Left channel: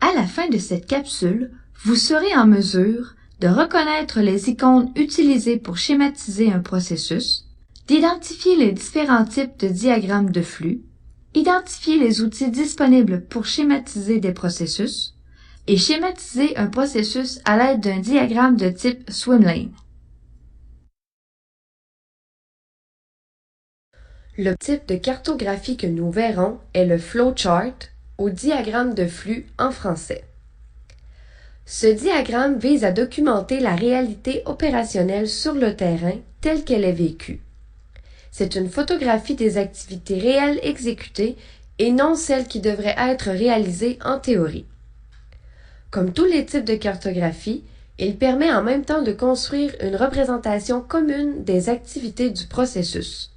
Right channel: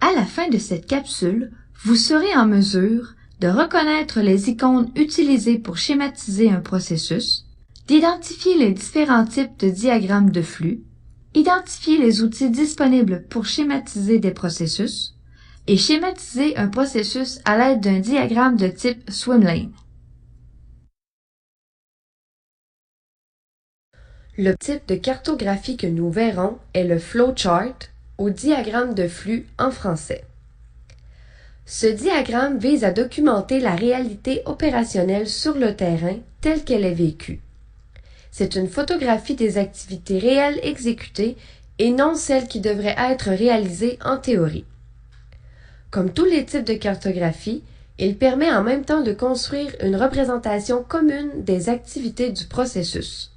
À la fin de cette capsule, vous serez en mesure de reconnaître les icônes utilisées pour schématiser un processus, d'identifier les différents types de diagrammes de flux, identifier les outils disponibles pour schématiser des processus et schématiser un processus à l'aide d'un diagramme de type swimlane. Le type de cartographie que nous verrons est le flowchart ou diagramme de flux en français. Ce diagramme vise à documenter la réalité opérationnelle sur le terrain telle qu'elle est vécue. C'est une photographie des activités réelles exécutées et non celles qui devraient être réalisées en théorie. Comme tous les types de cartographie, il permet en même temps de construire une représentation commune des activités du processus.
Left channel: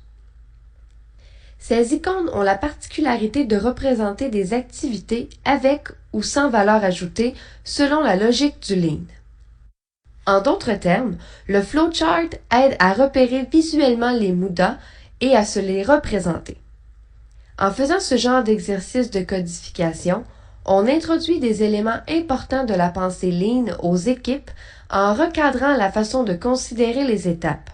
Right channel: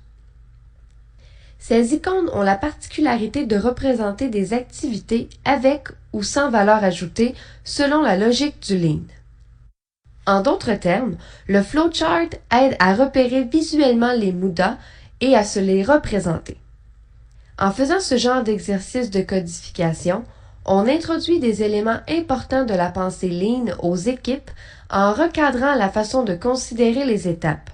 Ces icônes ont la particularité de représenter des activités avec ou sans valeur ajoutée selon la logique du Lean. En d'autres termes, le flowchart aide à repérer visuellement les mudas et à se les représenter. En faisant ce genre d'exercice de codification, on introduit des éléments importants de la pensée Lean aux équipes en recadrant la façon de considérer les étapes.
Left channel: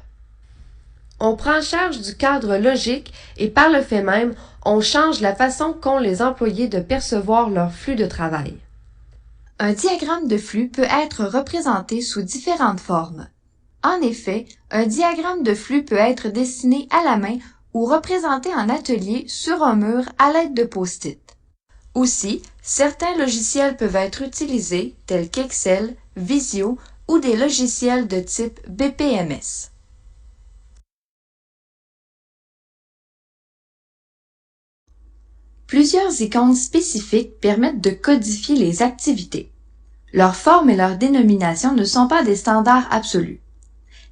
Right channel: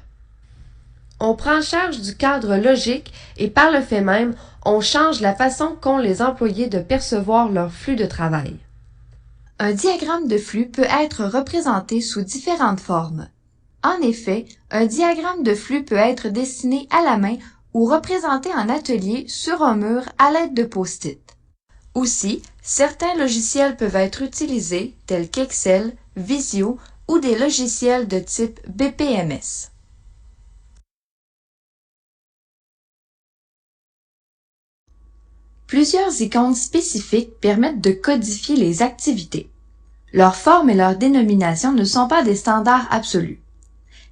On prend charge du cadre logique et par le fait même, on change la façon qu'ont les employés de percevoir leur flux de travail. Un diagramme de flux peut être représenté sous différentes formes. En effet, un diagramme de flux peut être dessiné à la main ou représenté en atelier sur un mur à l'aide de post-it. Aussi, certains logiciels peuvent être utilisés, tels qu'Excel, Visio ou des logiciels de type BPMS. Plusieurs icônes spécifiques permettent de codifier les activités. Leur forme et leur dénomination ne sont pas des standards absolus.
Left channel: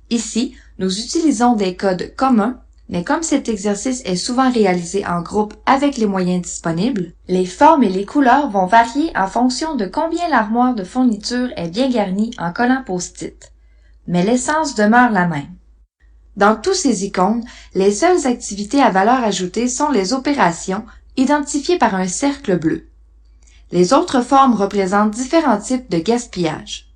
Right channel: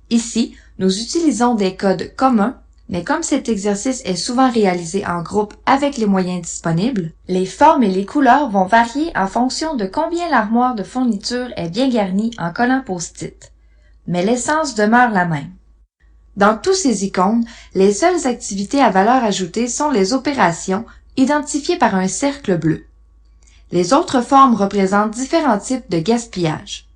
Ici, nous utilisons des codes communs, mais comme cet exercice est souvent réalisé en groupe avec les moyens disponibles, les formes et les couleurs vont varier en fonction de combien l'armoire de fourniture est bien garnie en collants post-it. Mais l'essence demeure la même. Dans tous ces icônes, les seules activités à valeur ajoutée sont les opérations identifiées par un cercle bleu. Les autres formes représentent différents types de gaspillage.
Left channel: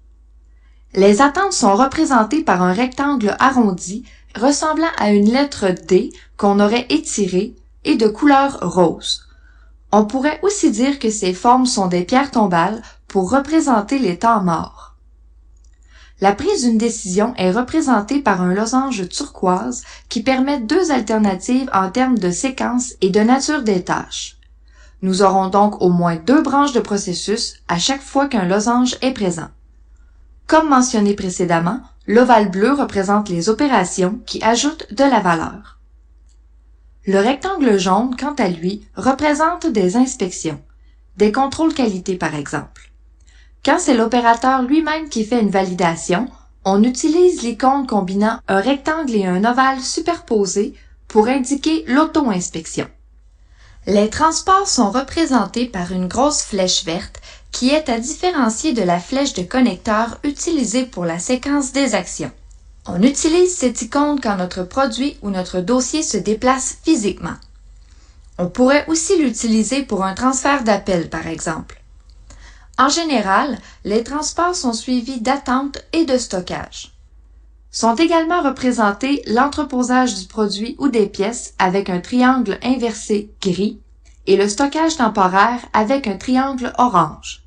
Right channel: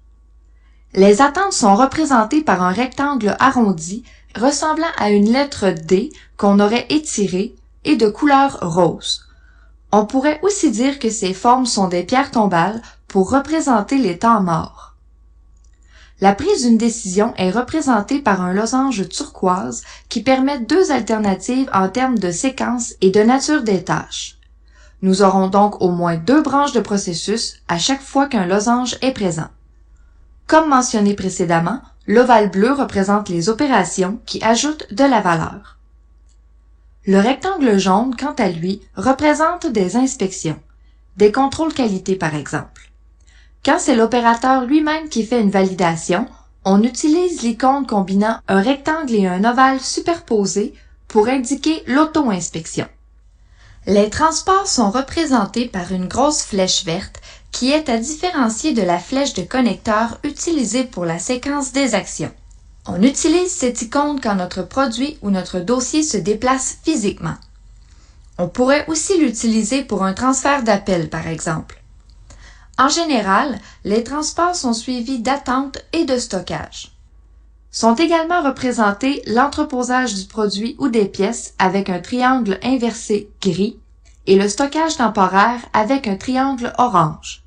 Les attentes sont représentées par un rectangle arrondi ressemblant à une lettre D qu'on aurait étirée et de couleur rose. On pourrait aussi dire que ces formes sont des pierres tombales pour représenter les temps morts. La prise d'une décision est représentée par un losange turquoise qui permet deux alternatives en termes de séquence et de nature des tâches. Nous aurons donc au moins deux branches de processus à chaque fois qu'un losange est présent. Comme mentionné précédemment, l'ovale bleu représente les opérations qui ajoutent de la valeur. Le rectangle jaune, quant à lui, représente des inspections, des contrôles qualité par exemple. Quand c'est l'opérateur lui-même qui fait une validation, on utilise l'icône combinant un rectangle et un ovale superposés pour indiquer l'auto-inspection. Les transports sont représentés par une grosse flèche verte qui est à différencier de la flèche de connecteur utilisée pour la séquence des actions. On utilise cette icône quand notre produit ou notre dossier se déplace physiquement. On pourrait aussi l'utiliser pour un transfert d'appel, par exemple. En général, les transports sont suivis d'attente et de stockage. Sont également représentés l'entreposage du produit ou des pièces avec un triangle inversé gris et le stockage temporaire avec un triangle orange.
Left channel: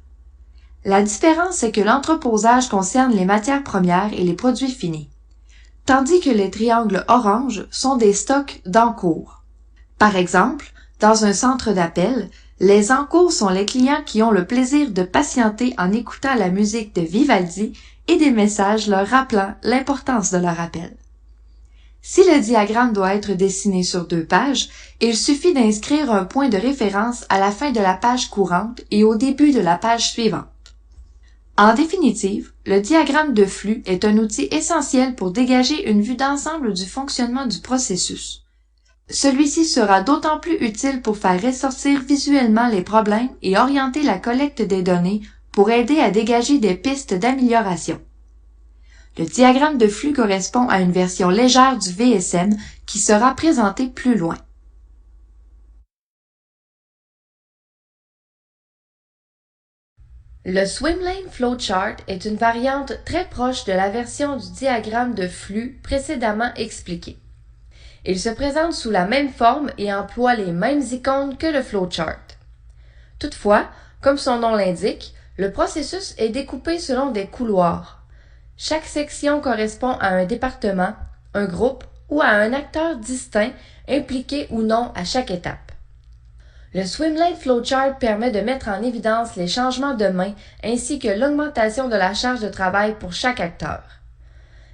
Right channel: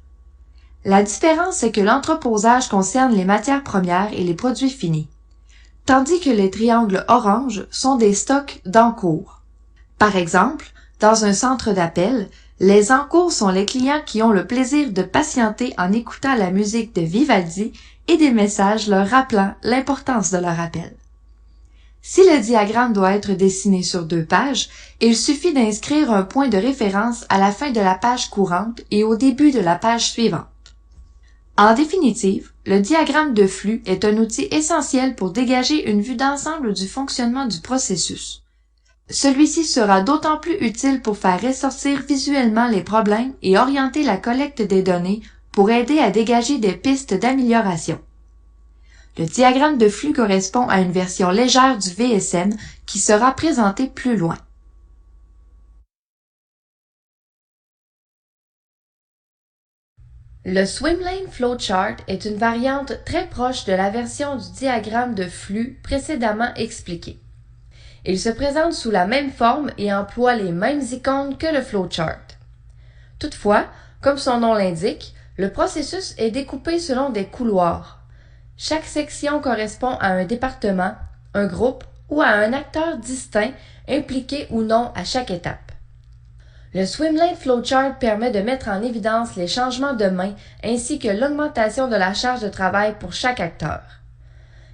La différence est que l'entreposage concerne les matières premières et les produits finis, tandis que les triangles orange sont des stocks d'encours. Par exemple, dans un centre d'appel, les encours sont les clients qui ont le plaisir de patienter en écoutant la musique de Vivaldi et des messages leur rappelant l'importance de leur appel. Si le diagramme doit être dessiné sur 2 pages, il suffit d'inscrire un point de référence à la fin de la page courante et au début de la page suivante. En définitive, le diagramme de flux est un outil essentiel pour dégager une vue d'ensemble du fonctionnement du processus. Celui-ci sera d'autant plus utile pour faire ressortir visuellement les problèmes et orienter la collecte des données pour aider à dégager des pistes d'amélioration. Le diagramme de flux correspond à une version légère du VSM qui sera présentée plus loin. Le Swimlane Flowchart est une variante très proche de la version du diagramme de flux précédemment expliqué. Il se présente sous la même forme et emploie les mêmes icônes que le flowchart. Toutefois, comme son nom l'indique, le processus est découpé selon des couloirs. Chaque section correspond à un département, un groupe ou à un acteur distinct impliqué ou non à chaque étape. Le Swimlane Flowchart permet de mettre en évidence les changements de main ainsi que l'augmentation de la charge de travail pour chaque acteur.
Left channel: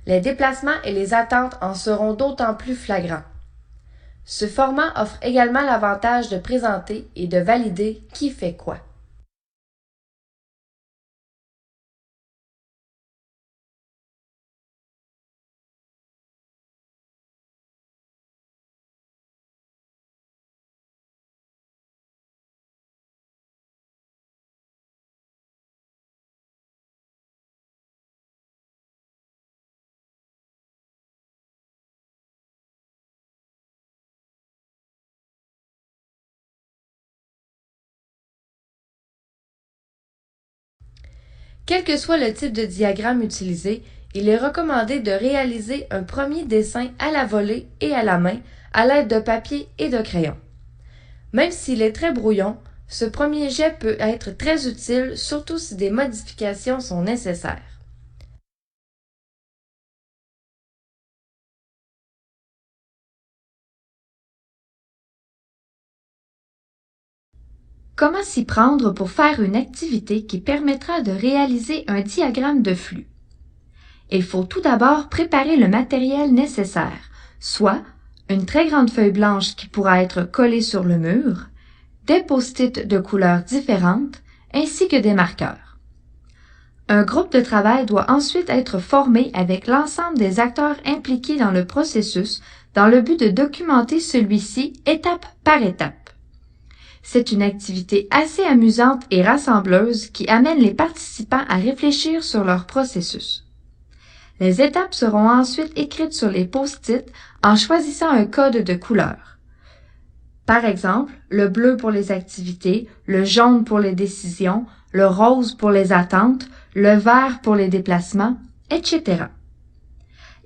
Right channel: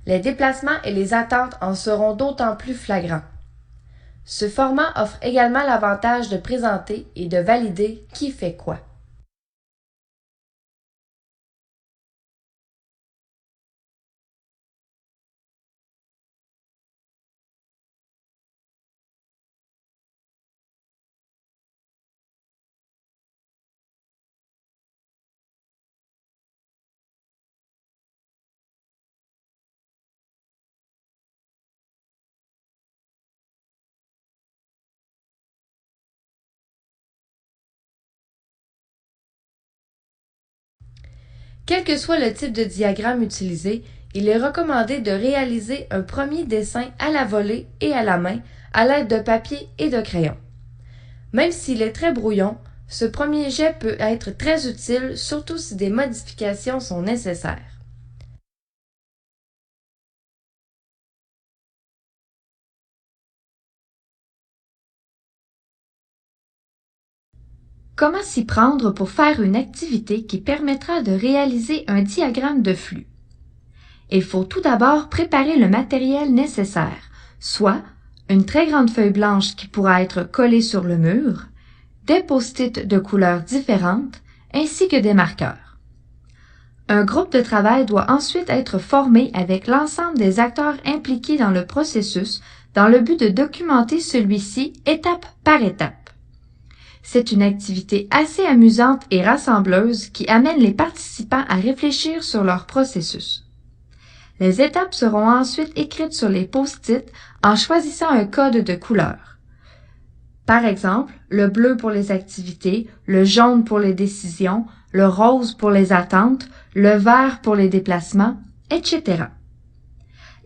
Les déplacements et les attentes en seront d'autant plus flagrants. Ce format offre également l'avantage de présenter et de valider qui fait quoi. Quel que soit le type de diagramme utilisé, il est recommandé de réaliser un premier dessin à la volée et à la main à l'aide de papier et de crayon. Même s'il est très brouillon, ce premier jet peut être très utile, surtout si des modifications sont nécessaires. Comment s'y prendre pour faire une activité qui permettra de réaliser un diagramme de flux? Il faut tout d'abord préparer le matériel nécessaire, soit une très grande feuille blanche qui pourra être collée sur le mur, des post-it de couleurs différentes, ainsi que des marqueurs. Un groupe de travail doit ensuite être formé avec l'ensemble des acteurs impliqués dans le processus dans le but de documenter celui-ci étape par étape. C'est une activité assez amusante et rassembleuse qui amène les participants à réfléchir sur leur processus. Les étapes seront ensuite écrites sur les post-it en choisissant un code de couleur. Par exemple, le bleu pour les activités, le jaune pour les décisions, le rose pour les attentes, le vert pour les déplacements, etc.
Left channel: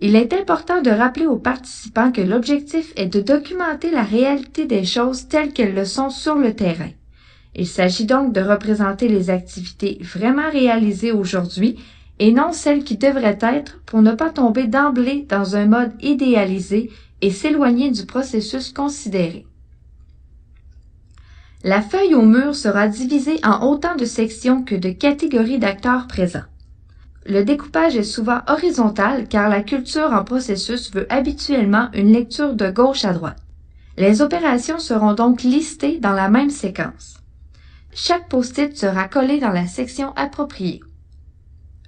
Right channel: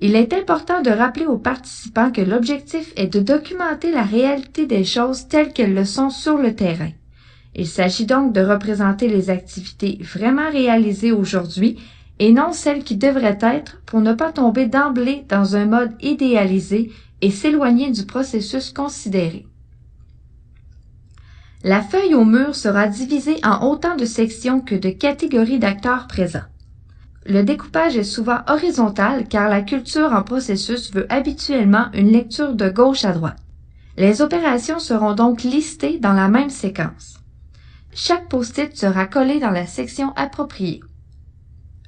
Il est important de rappeler aux participants que l'objectif est de documenter la réalité des choses telles qu'elles le sont sur le terrain. Il s'agit donc de représenter les activités vraiment réalisées aujourd'hui et non celles qui devraient être pour ne pas tomber d'emblée dans un mode idéalisé et s'éloigner du processus considéré. La feuille au mur sera divisée en autant de sections que de catégories d'acteurs présents. Le découpage est souvent horizontal car la culture en processus veut habituellement une lecture de gauche à droite. Les opérations seront donc listées dans la même séquence. Chaque post-it sera collé dans la section appropriée.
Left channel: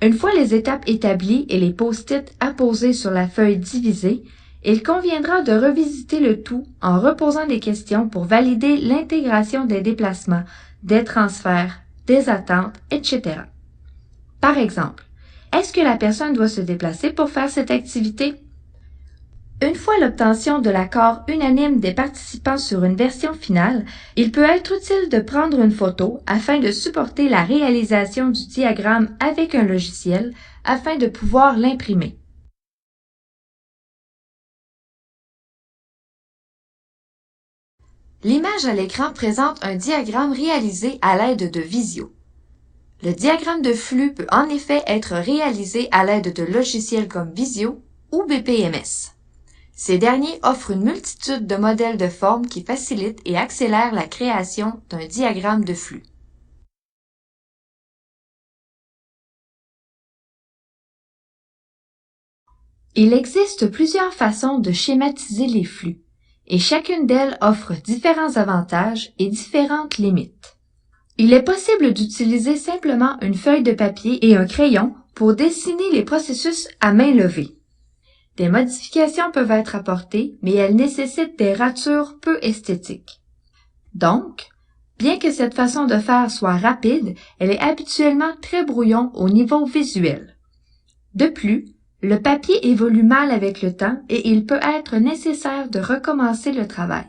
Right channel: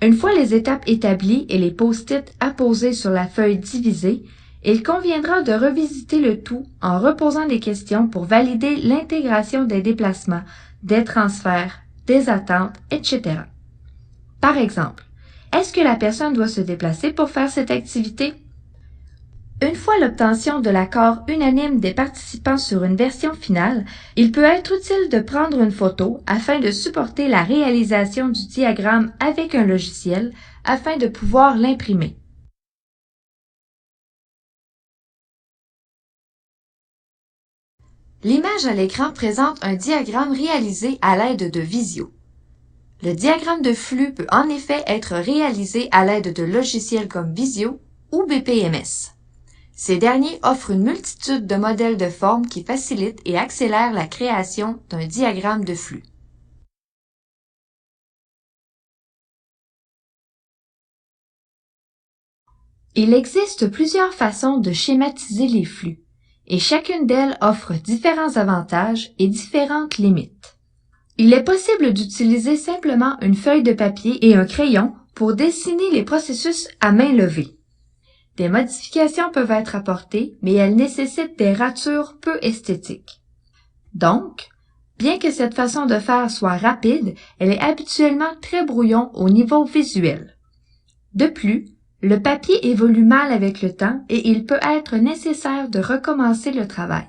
Une fois les étapes établies et les post-it apposés sur la feuille divisée, il conviendra de revisiter le tout en reposant des questions pour valider l'intégration des déplacements, des transferts, des attentes, etc. Par exemple, est-ce que la personne doit se déplacer pour faire cette activité? Une fois l'obtention de l'accord unanime des participants sur une version finale, il peut être utile de prendre une photo afin de supporter la réalisation du diagramme avec un logiciel afin de pouvoir l'imprimer. L'image à l'écran présente un diagramme réalisé à l'aide de Visio. Le diagramme de flux peut en effet être réalisé à l'aide de logiciels comme Visio ou BPMS. Ces derniers offrent une multitude de modèles de formes qui facilitent et accélèrent la création d'un diagramme de flux. Il existe plusieurs façons de schématiser les flux, et chacune d'elles offre différents avantages et différentes limites. Il est possible d'utiliser simplement une feuille de papier et un crayon pour dessiner les processus à main levée. Des modifications peuvent être apportées, mais elles nécessitent des ratures peu esthétiques. Donc, bien que cette façon de faire soit rapide, elle est habituellement très brouillon au niveau visuel. De plus, le papier évolue mal avec le temps et il peut être nécessaire de recommencer le travail.